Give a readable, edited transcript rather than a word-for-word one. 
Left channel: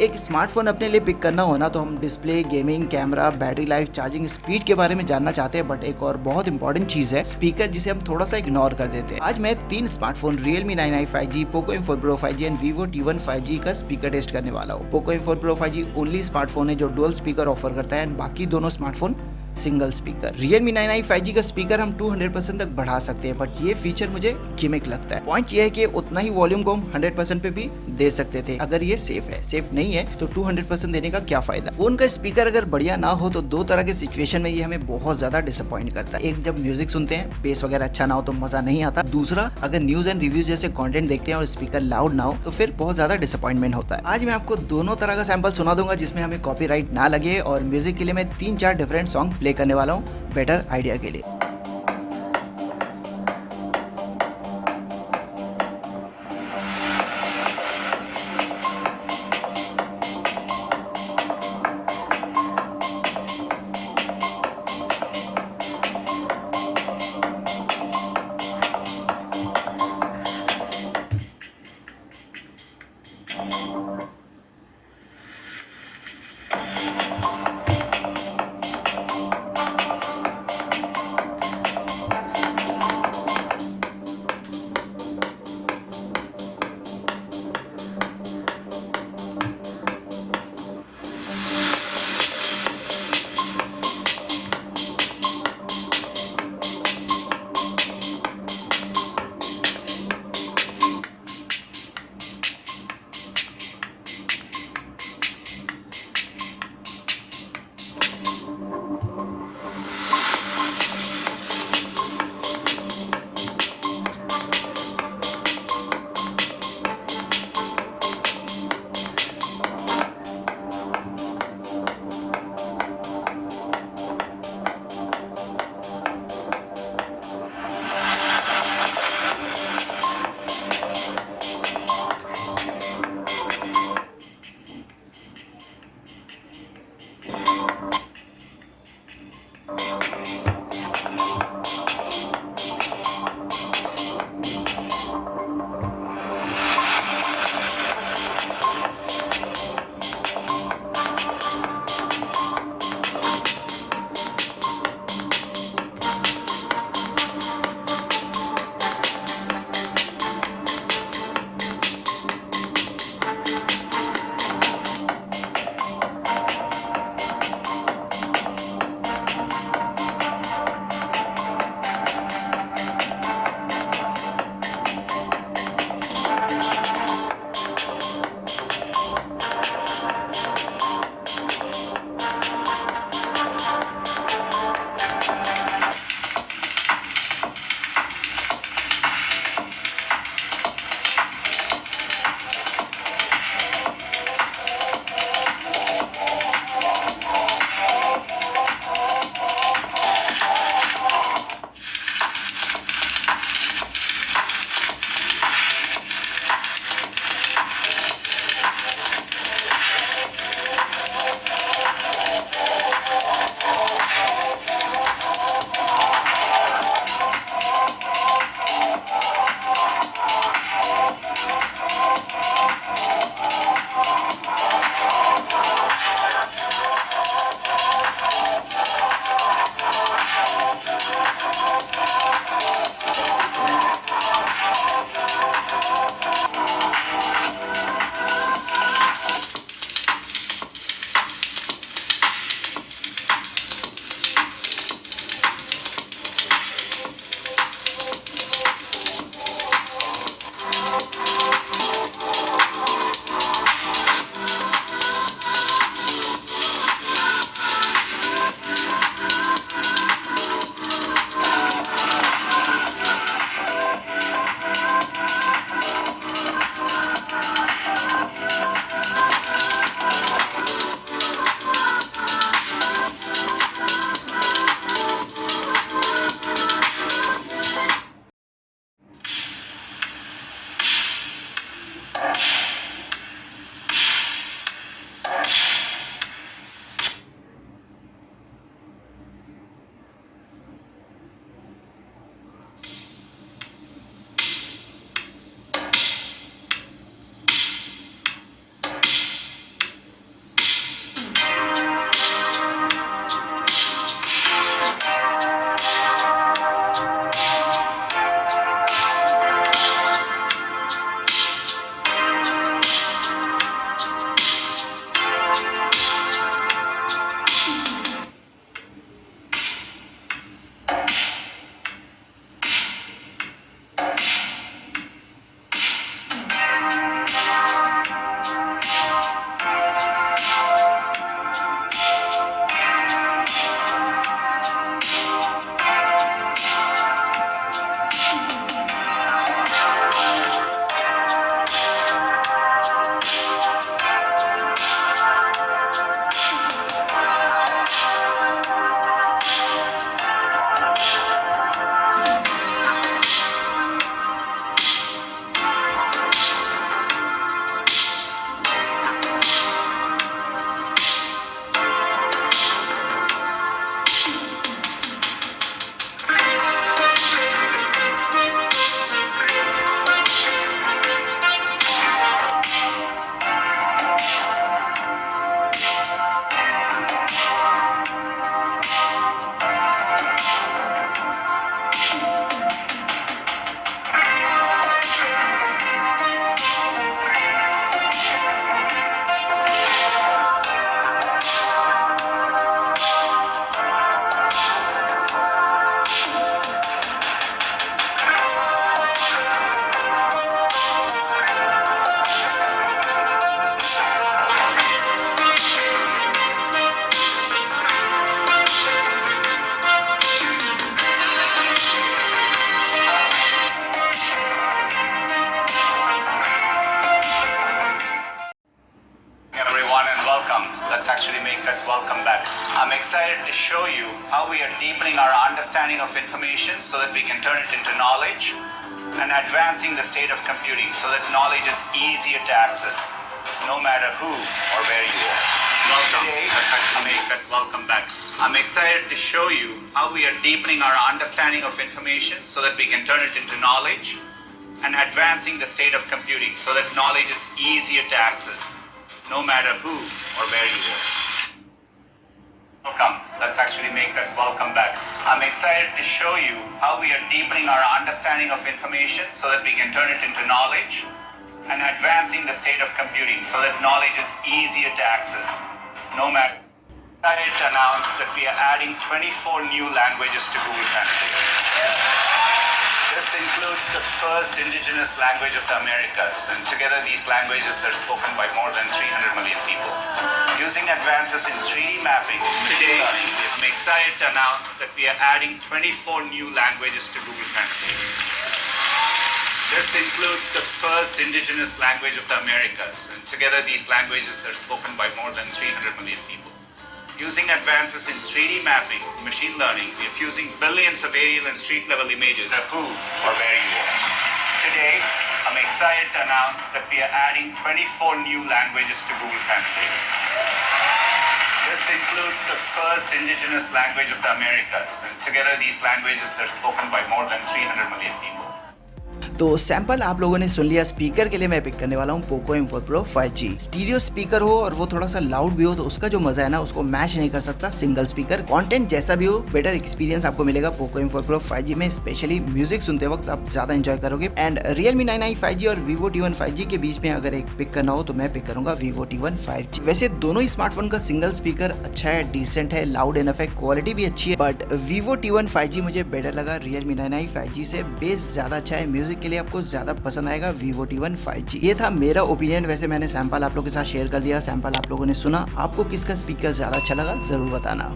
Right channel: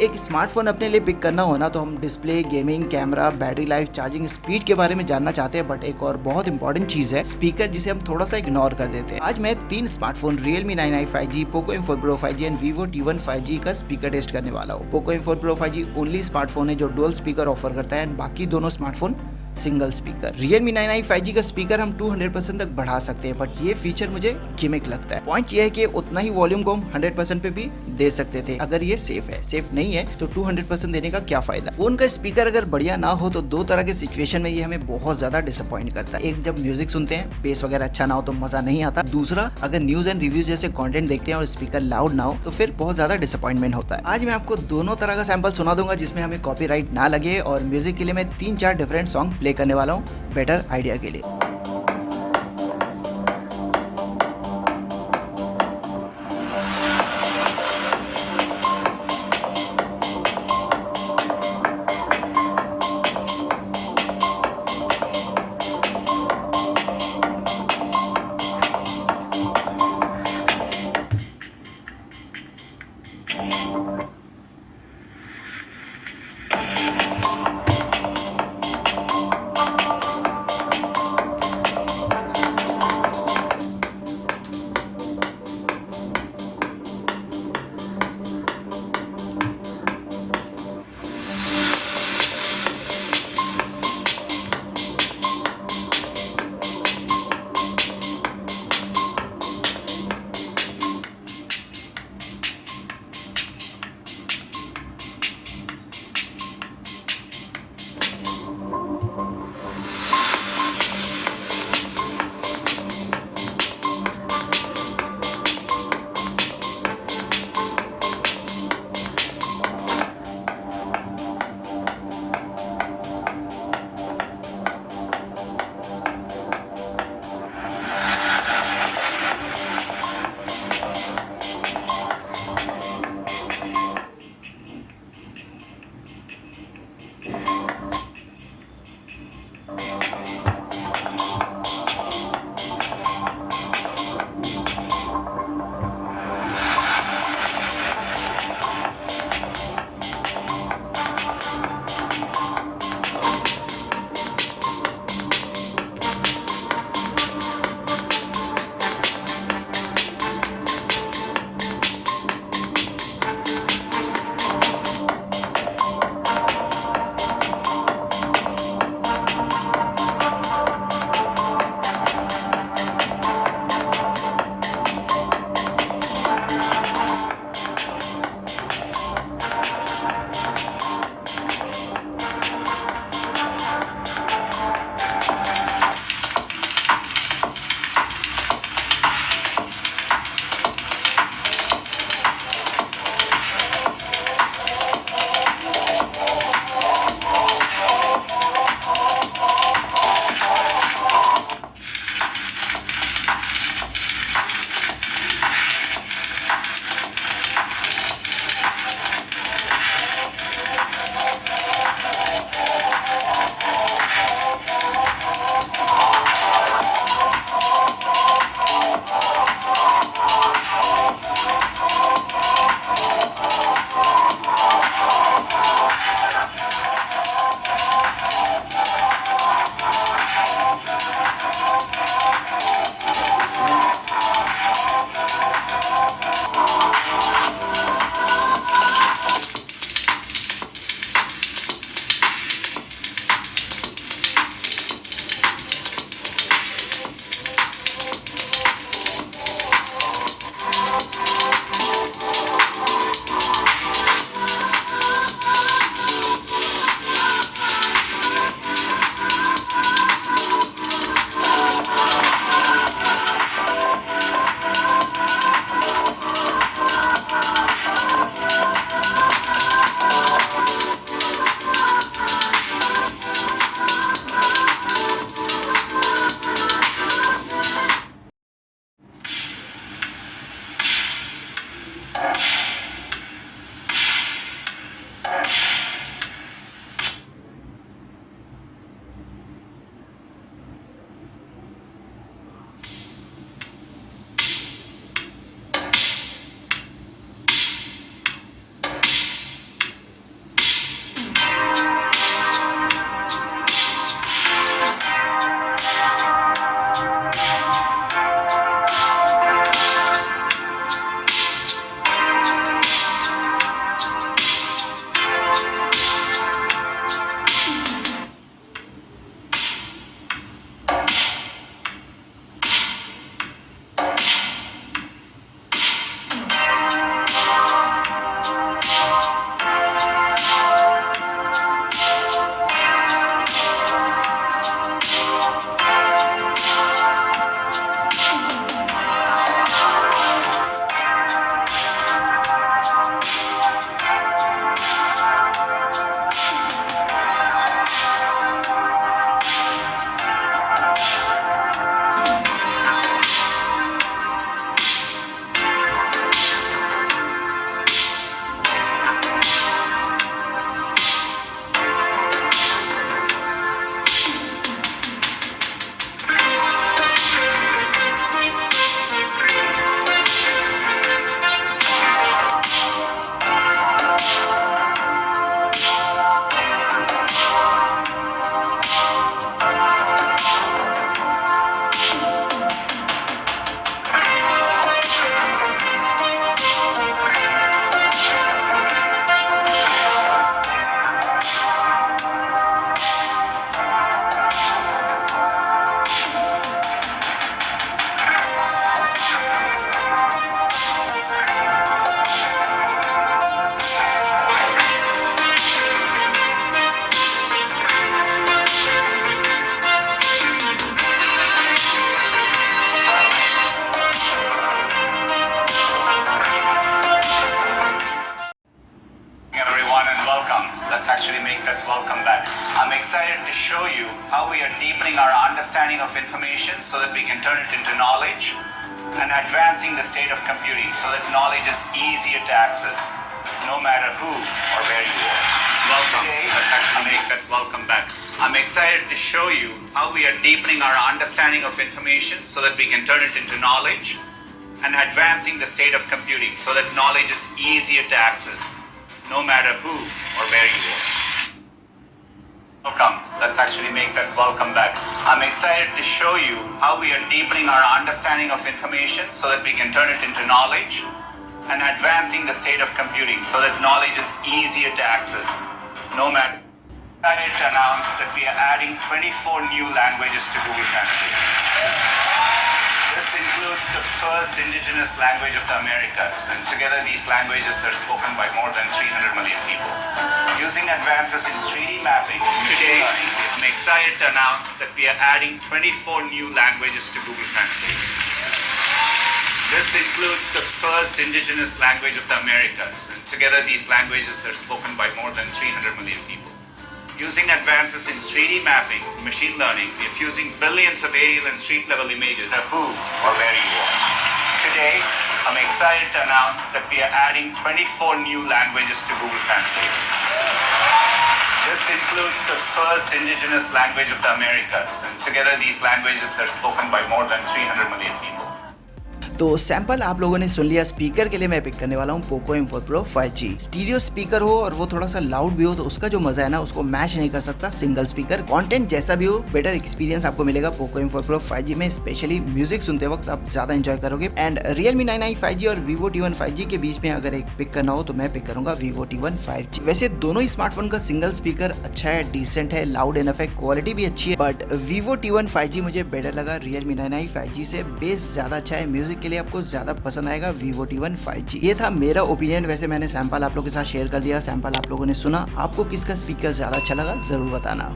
एक स्मार्टफोन अपने लिए पिक करना हो ना, तो हम display, gaming, camera, battery life, charging speed के बारे में जानना चाहते हैं, बट एक और बहुत इंपॉर्टेंट चीज है स्पीकर, जिसे हम थोड़ा सा इग्नोर कर देते हैं। आज मैं 3 smartphone Realme 9i 5G, POCO M4 Pro 5G and VIVO T1 5G का स्पीकर टेस्ट करने वाला हूँ। POCO M4 Pro 5G only smartphone है जो डुअल स्पीकर ऑफर करता है एंड बाकी दोनों smartphone single speaker. Realme 9i 5G का स्पीकर हम 200% तक बढ़ा सकते हैं, बट ये फीचर मुझे गिमिक लगता है। पॉइंट ये है कि उतना ही वॉल्यूम को हम 100% पे भी दे सकते थे अगर ये सेफ है। सेफ नहीं है तो 200% देने का क्या फायदा। फोन का स्पीकर अगर बढ़िया ना हो तो दो तरह के सिचुएशन में ये हमें बहुत ज्यादा डिसअपॉइंट करता है। एक, जब म्यूजिक सुनते हैं, बेस वगैरह अच्छा ना हो तो मजा नहीं आता। दूसरा, अगर न्यूज एंड रिव्यूज जैसे कंटेंट देखते हैं और स्पीकर लाउड ना हो तो फिर बहुत ज्यादा डिसअपॉइंटमेंट होता है। आज मैं आपको दोनों तरह का सैंपल सुना दूंगा जिसमें हमें कॉपीराइट ना लगे, और म्यूजिक के लिए मैं 3-4 डिफरेंट सॉन्ग प्ले करने वाला हूँ बेटर आइडिया के लिए। excited to show you how we are deepening our understanding of information so that we can turn it into knowledge and advancing the state of computing so that knowledge is easier to access, no matter who or where you are. Welcome. Let's actually make that welcome back. I'm excited to show you how we are deepening our understanding of information so that we can turn it into knowledge and advancing the state of computing so that knowledge is easier to access, no matter who or where you are. Welcome. Let's actually make that welcome back. I'm excited to show you how we are deepening our understanding of information so that we can turn it into knowledge and advancing the state of computing so that knowledge is easier to access, no matter. I'm excited to announce that we are adding 24 new languages to Google Translate. This includes the first indigenous language of the Americas, and together these languages are spoken by more than 300 million people. Using advances in 3D mapping, today I'm excited to announce that we are adding 24 new languages to Google Translate. This includes the first indigenous language of the Americas, and together these languages are spoken by more than 300 million people. Using advances in 3D mapping, machine learning, we are fusing billions of aerial and street level images, no who or where you are. Today, I'm excited to announce that we are adding 24 new languages to Google Translate. This includes the first indigenous language of the Americas, and together these languages are spoken by more than 300 million people. तो सैंपल आप लोगों ने सुन लिया। स्पीकर के लिए मैं पिक करने वाला हूँ Poco M4 Pro 5G। Stereo speaker हो और वो थोड़ा सा लाउड भी हो तो उसका जो मजा है ना उसको मैच नहीं कर सकता सिंगल स्पीकर। कंटेंट जैसा भी हो बेटर एक्सपीरियंस आपको मिलेगा पोको M4 Pro 5G में। स्पेशली म्यूजिक सुनते वक्त आप ज्यादा एंजॉय करोगे। एंड Realme 9i 5G और Vivo T1 5G के बीच में अगर एक पिक करना हो तो मैं पिक करूंगा Vivo T1 5G। वैसे दोनों ही स्मार्टफोन का सिंगल स्पीकर अच्छा है, डिसेंट है, लाउड इनफ है, क्वालिटी भी अच्छी है, बट Vivo T1 5G मुझे बेटर लगा Realme 9i 5G से। बेस ज्यादा अच्छा है, म्यूजिक के लिए आपको ज्यादा पसंद आएगा Vivo T1 5G। ये था मेरा ओपिनियन। वैसे मैंने सैंपल आप लोगों के साथ शेयर कर दिया, सैंपल आप लोगों ने सुना। आपको किसका स्पीकर ज्यादा अच्छा लगा जरूर बताना।